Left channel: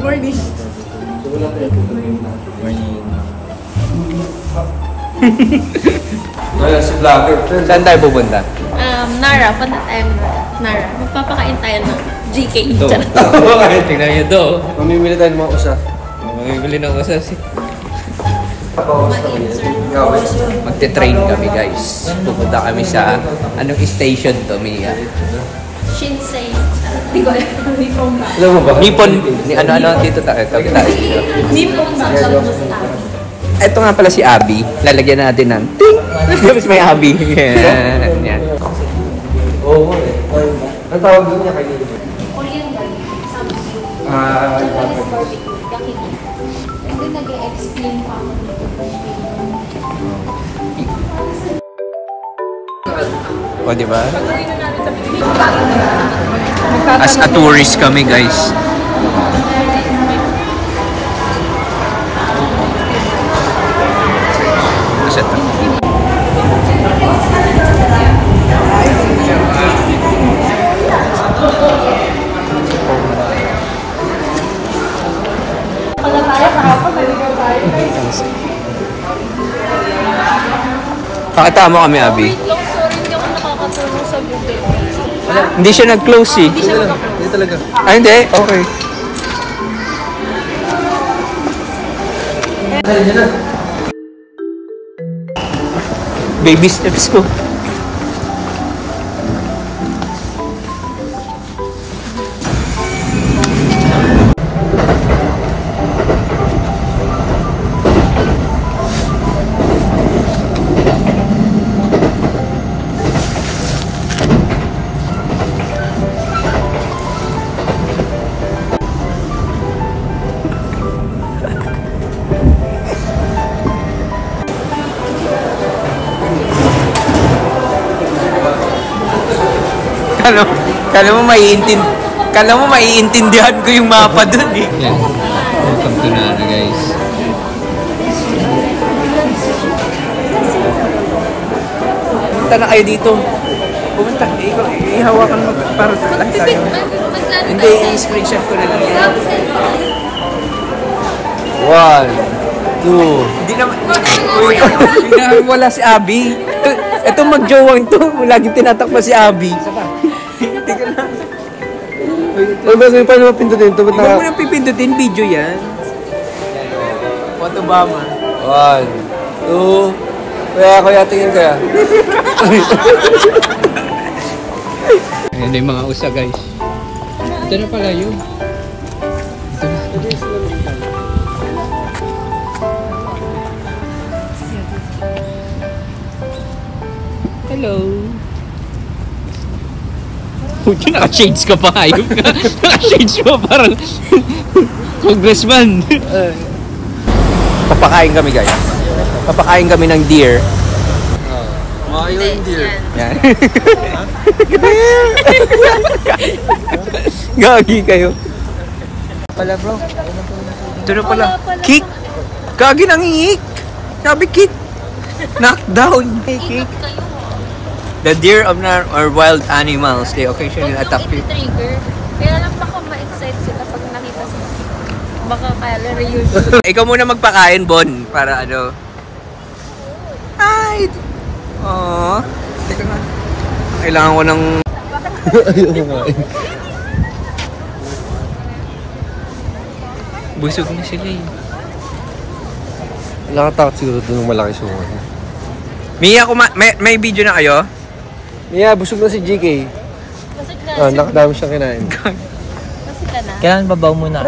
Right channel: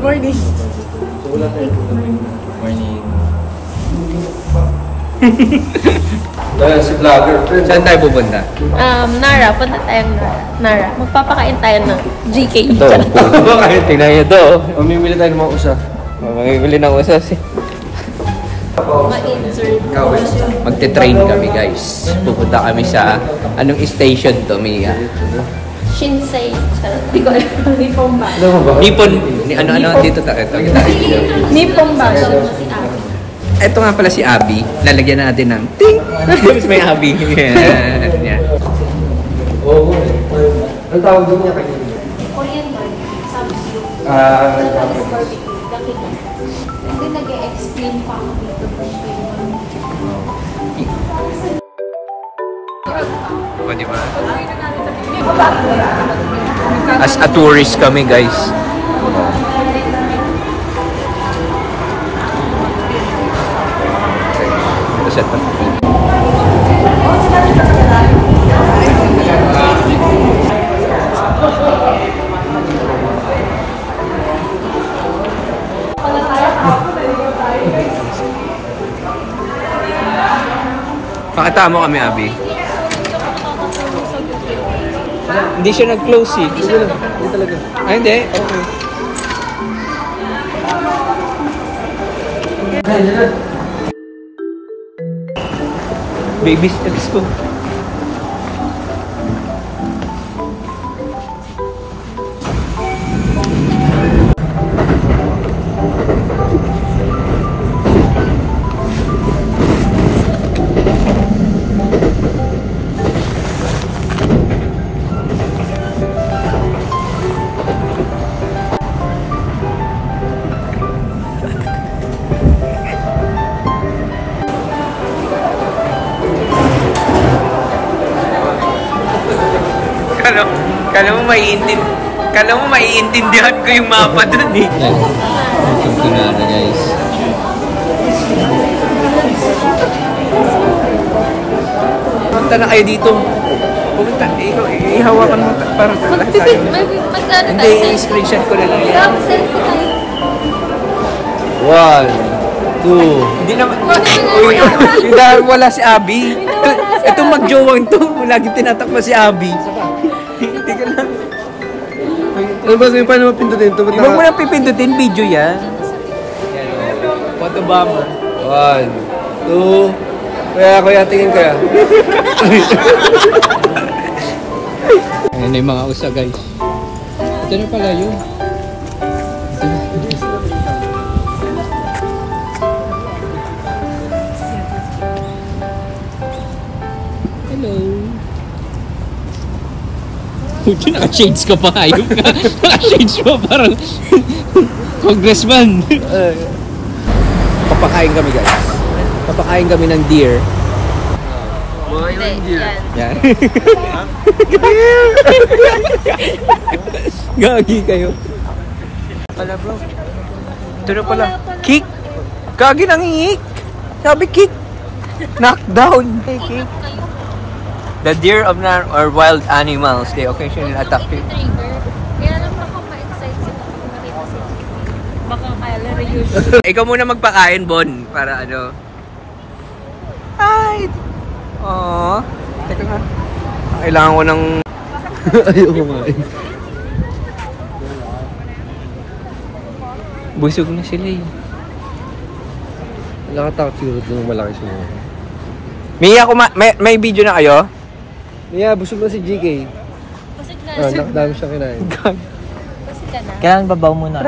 Good morning. Morning. Si vlogger. Saan tayo pupunta? Nara. Punta tayo na Nara. Magpapakain tayo na GK. Tingnan nyo to. Mamimili tayo ng mga usa. Mamimili ng usa Magte-train kami guys. Pupunta kami sa anong station to, Mia? Shinsei. Hindi ko alam. Nippon. Ano dito tayo? Nippon bag. Alam mo si Abby. Ito nga pala si Abby. Lalagyan natin ng ting. Tapos may Abby. Yan. Oo. Ang tawag din niya kayo? Korean barbecue. Samsung. Japanese barbecue. Yakiniku. And then nag-explain pa ako dito. O, diba? As a tourist kami, guys. Ito set up. Pakita mo kami, Abby. Hindi siya nag-close eh. Hindi talaga. Ah, hindi? Okay. Baby steps ko. Kala mo maiintindihan ko yung mapa dun eh. Yan. Welcome to Nara, guys. Pumunta na kayo dito. Pumunta. Ikaw, ihawakan mo para lahat tayo. Hindi, i-screenshot ko na lang yan. 1, 2. Hindi naman. Uy, wala si Abby. Ito mag-jowang to. Lagi tinatakpa si Abby. Hindi ka lang. Ano ba? Paano mapindutin ito? Hindi mo na pipindutin, video yan. Yan o. Photo bomber. 1, 2. Kuya, tingin kaya. Ayan na yung mga usa, guys. Ito na pala yun. Hello. Puti, naka-shades ka pa, ayok ka. Naka-shades pa, parang congressman. Papakain kami, guys. Papakain kami ng deer. Mga yung deer. Yan. Gagi kayo. Pala, bro. Ito na pala. Kick. Gagi nangingik. Sabi kick. Knockdown. Hey, kick. The deer of or wild animals, they occasionally attack people. Kaya lang baka ma-excite sila pag nakita sila. Baka calorie yun. Ikaw muna magpakain, Bon, para ano. Ay! Aww. Teka nga. Kailangan ko ng... Ayaw kumain. Busog na sila eh. Nakatakot siguro doon ng malaki sumungan. Mia, may video na kayo? Mia, busog na si GK. Busog na. Nakadami siyang kinain. Busog na. Kailangan babaw muna.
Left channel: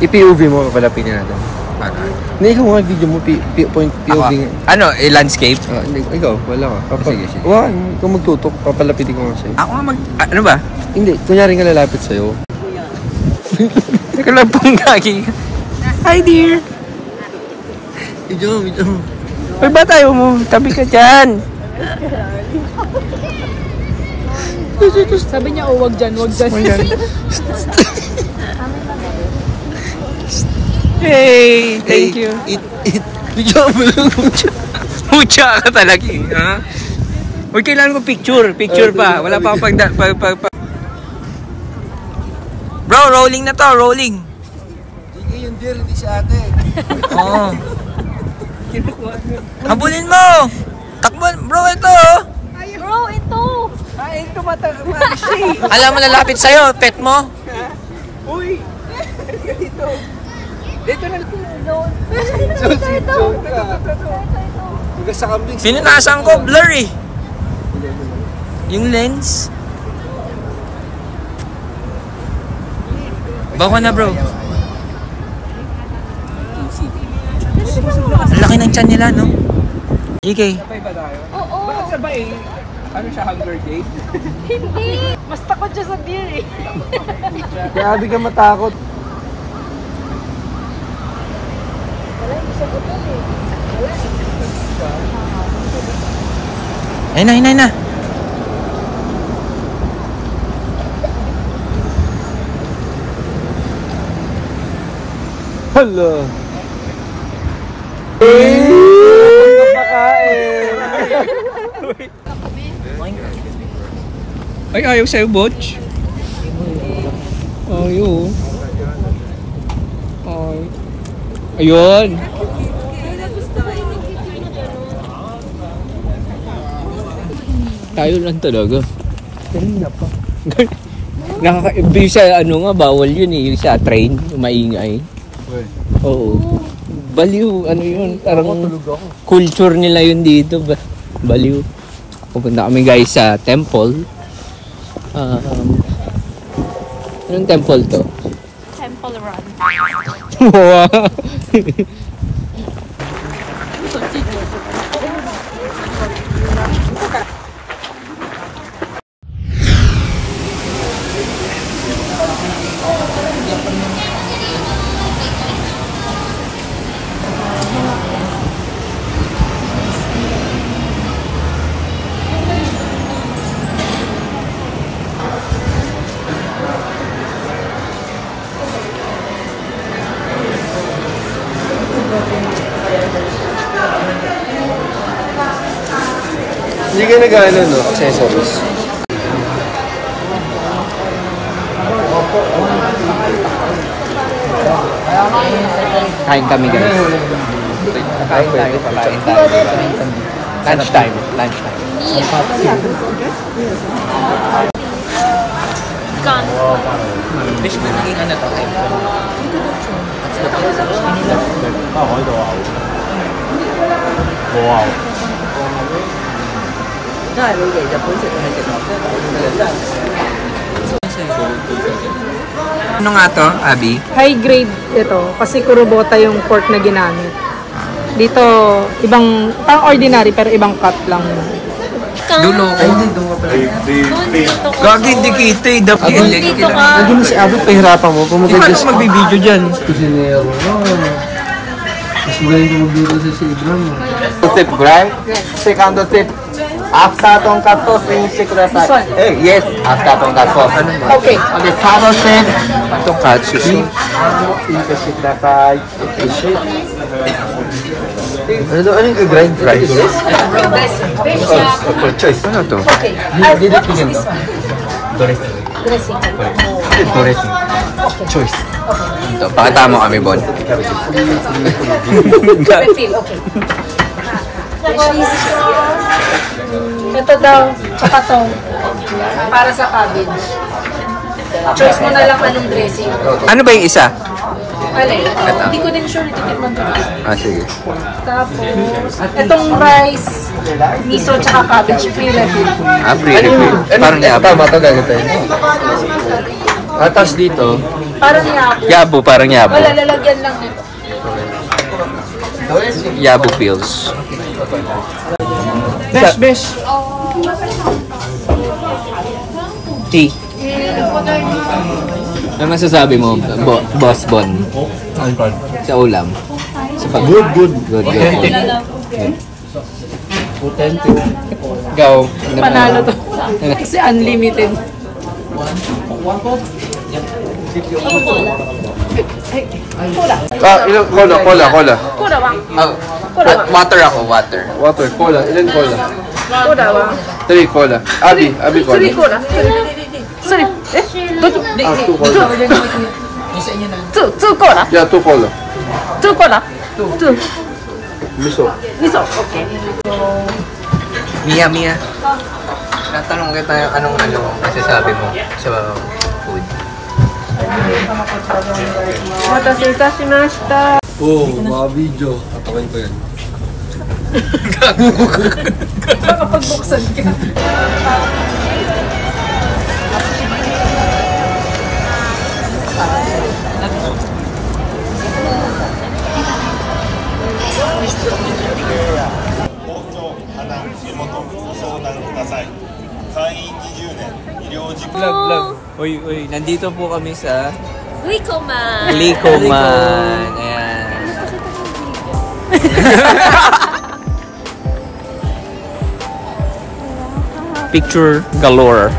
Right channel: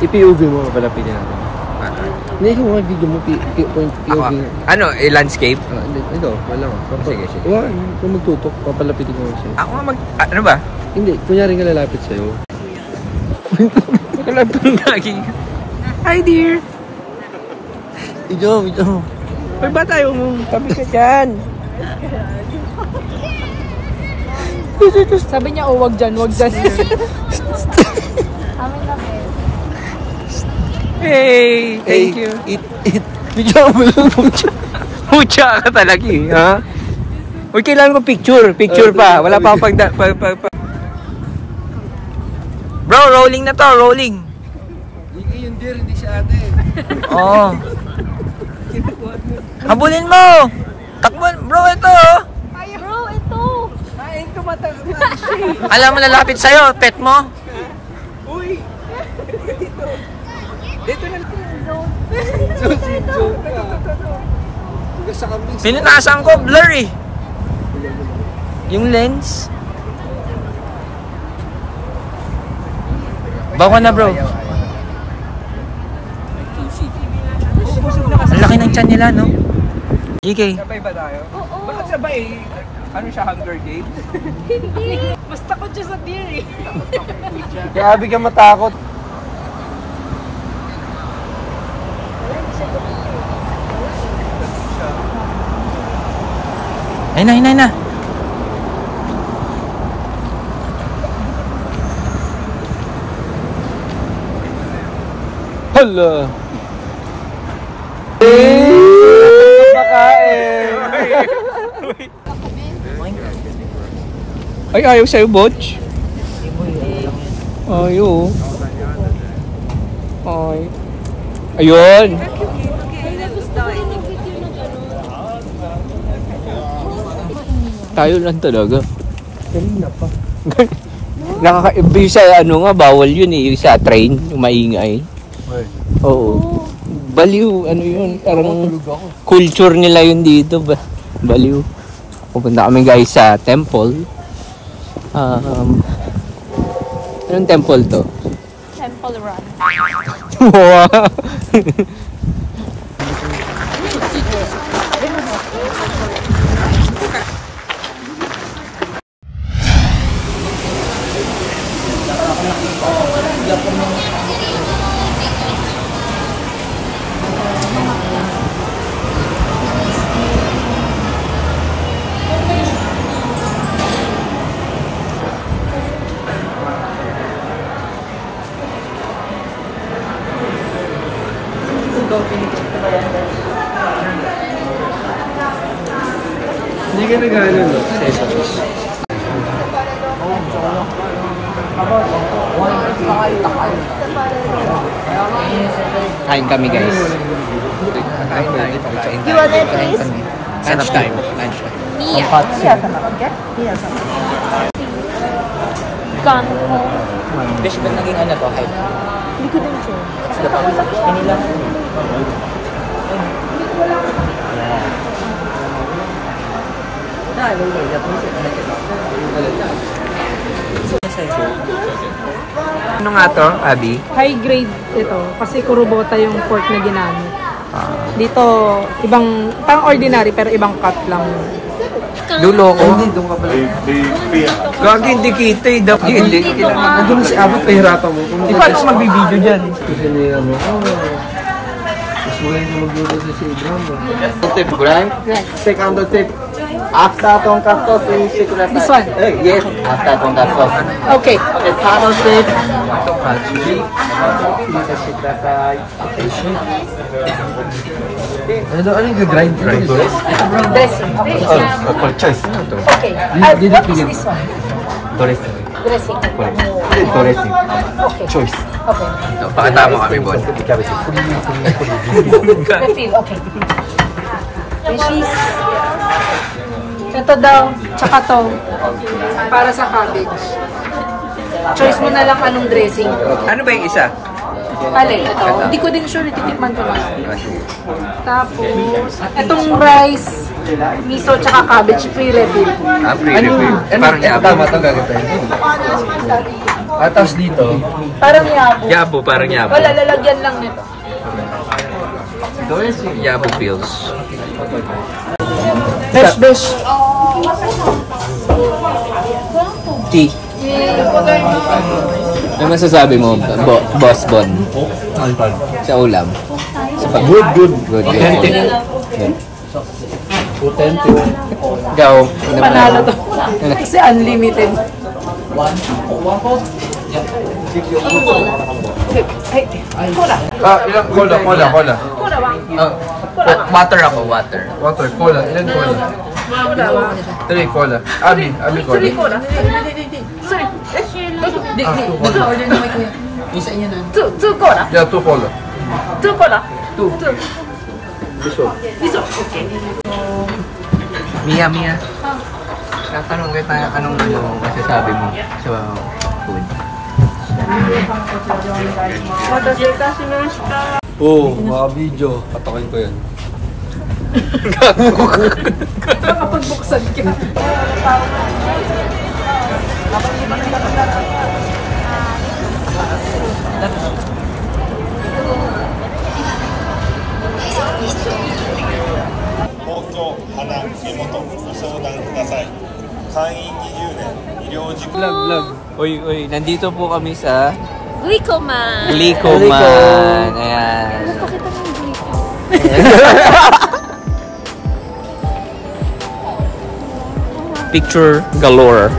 I-POV mo, papalapin niya natin. Para. Hindi, ikaw mga video mo, point POV. Ano, landscape? Hindi, ikaw, wala ka. Sige. Wow, ikaw magtutok, papalapitin ko nga sa'yo. Ako nga ano ba? Hindi, kunyari nga lalapit sa'yo. Ikaw lang pang gagi. Hi, dear! Video. Ay ba tayo mo? Tabi ka dyan. Sabi niya, wag dyan. Hey, thank you. Video mo lang. Pucha ka talaga, ha? Uy, kailangan ko picture pa. Wala pa. Bro, rolling na to, rolling. Oo. Habulin mo! Takbo, bro, ito! Bro, ito! Ay, tumatagman siya. Alam mo, lalapit sa'yo, pet mo. Uy! Dito. Dito na. Ito. Hugas sa kambing. Pinunasan ko, blur eh. Yung lens. Bako na, bro. Ang laki ng tiyan nila, no? GK. Sabay ba tayo? Bakit sabay? Ano siya, Hunger Games? Hindi. Mas takot siya sa deer eh. Kaya bigyan matakot. Wala, hindi siya gutom eh. Wala eh. Galit siya. Ayun na, ayun na, ayun na. Hello. Ay, ayaw sa'yo, Butch. Ayaw. Ay. Ayun. Tayo lang talaga. Kanina pa. Nakaka-ibig sa ano nga, bawal yun eh, yung sa train, yung maingay. Well, Oo. Baliw, ano yun, parang tulog ako. culture nila yun dito. Baliw. Pupunta kami guys sa temple. Anong temple to? Temple Run. Wow! Hindi ka nag-ano, no? Accessories. Kain kami guys. Kain tayo. Kain kami. Lunch time. Lunch time. Ang hot Kano ko. Fish ka naging ano to? Ano nga to, Abby? High grade ito kasi kurobota yung pork na ginamit. Dito ibang pang ordinary pero ibang cut lang. Dulo ko. Doon ka pala. Gagi, hindi kita eh. Dapat hindi kailangan. Nandun na si Abby, pahirapan mo. Di paano magbibideo dyan? Kasi ngayon, mas magaling ka magluto si Abraham. Step, right? Second step. After tonkatsu, finish してください。Yes, after tonkatsu. Okay. Okay, third step. Ito, katsushi. フィニッシュしてください。 Ano yung gagrind? Rice. Apple choice. Ano to? Choice. Ito, pakita mo kami, Bon. Refill, okay. Cheese. Ito daw, tsaka to. Para sa cabbage. Choice mo na lang anong dressing. Ano ba yung isa? Alin? Ito. Hindi ko din sure, ititikman ko ba. Ah, sige. Tapos, itong rice, miso, tsaka cabbage, free refill. Ah, pre-refill. Parang yabo. Tama ito gagawin. Tapos dito, Parang labo. Yabo, parang yabo. Wala, lalagyan lang. Yabo pills. Besh, besh. Tea. Ano masasabi mo, Boss Bon? Sa ulam? good. Good, good. Authentic. Ikaw. Panalo to. Kasi unlimited. Ay, cola. Ilang cola. Cola, Oh, at water ako, water. Water, cola. Ilan cola? Cola, 3 cola. Abby cola. Sorry, cola. Sorry. Two cola. Two cola. Yeah, 2 cola. Two pala. Two. Miso. Miso. Okay. Mia. Tatanong kita anong masasabi mo sa food. Oo, mga video. Patakin ko yan. Nakapagbuksan ka. Vlog. Uy, nandito po kami sa Glicoman. Glicoman. Ayan. Napakita mo yung glico. Picture galore.